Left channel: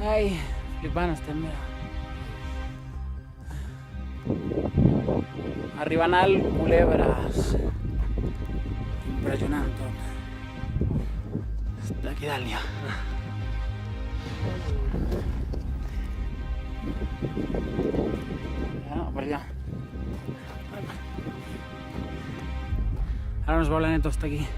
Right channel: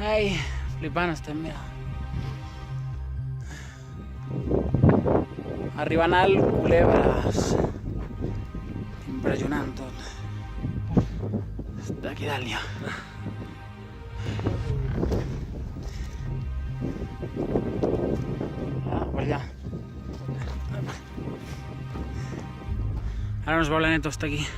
Ai, flipant estem, mira. Arribant al Culebres. Impressionant tot. D'aquí dalt ja. Ah, per allà. Ara nos volen tot aquí.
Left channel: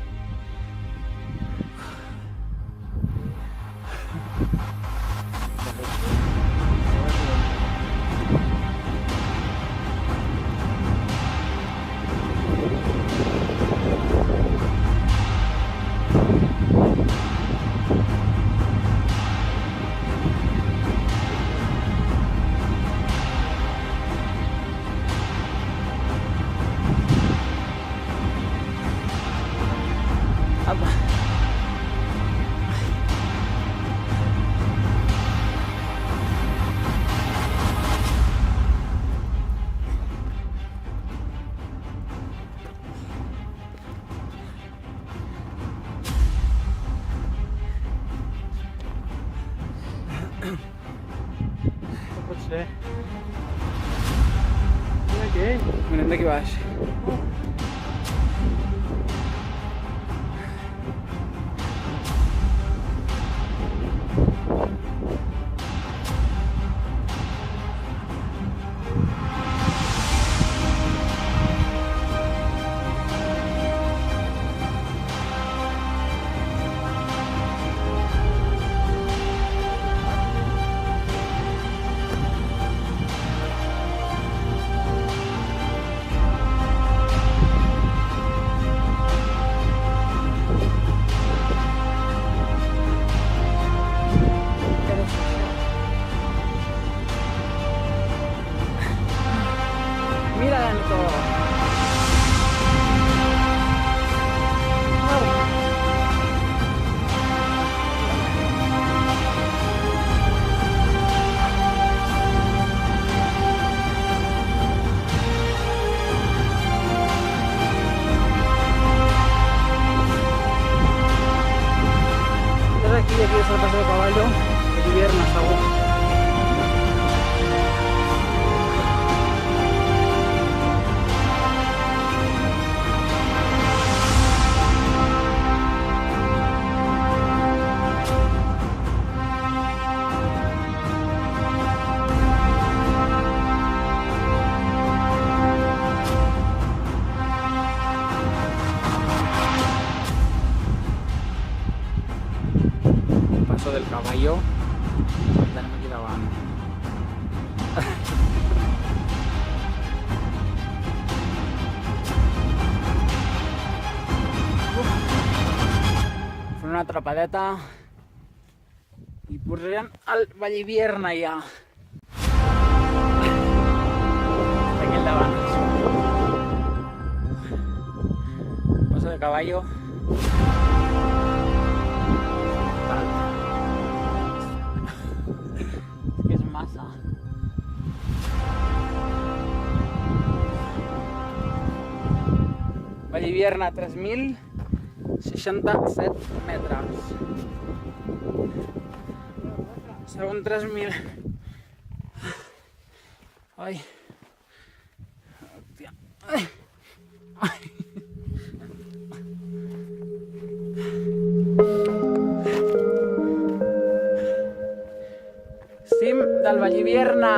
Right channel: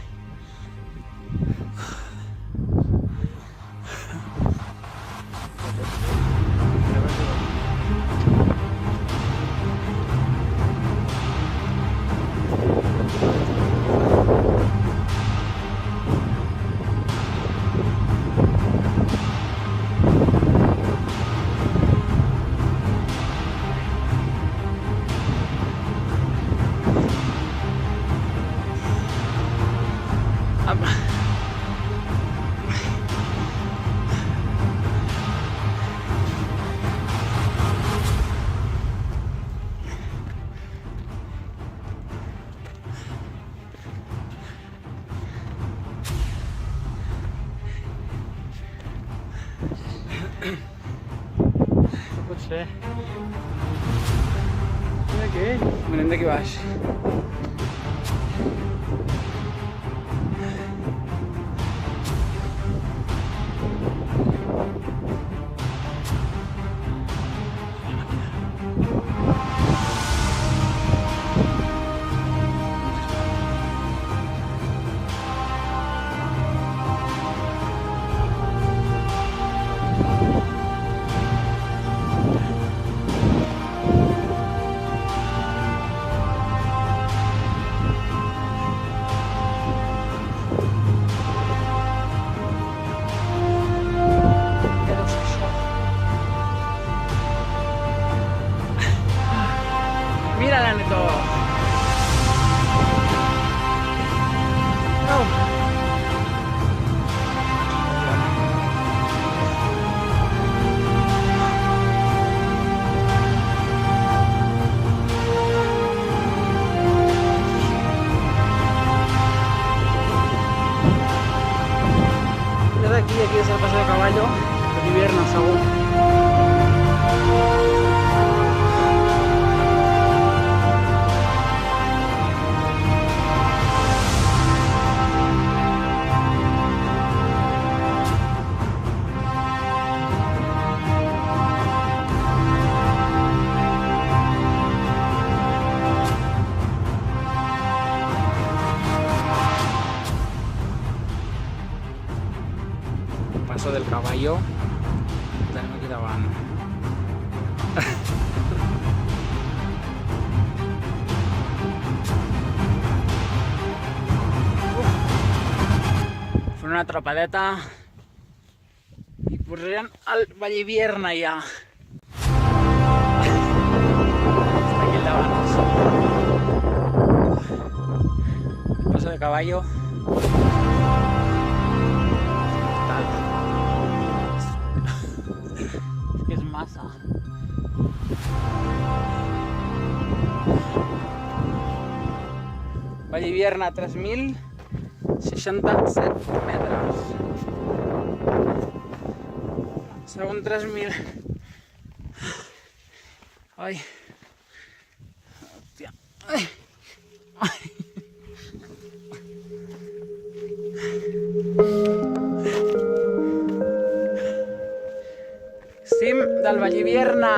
Apa? No pot ser. Mira aquell. Mirem d'aquí baix. Mira la neto. Wow. Desde aquí es el paseo de caballo, de invierno segur. Paso del caballo, tenim aquí davant. Fent una atrapadeta i posarem al Vallivierna ja. Està aquí al davant. Paso de caballo. Tal. És que és massa. Vallivierna, 3.067 metres. Segon 3.000. Ai. Hòstia. Ai. Ai. Cim del Vallivierna.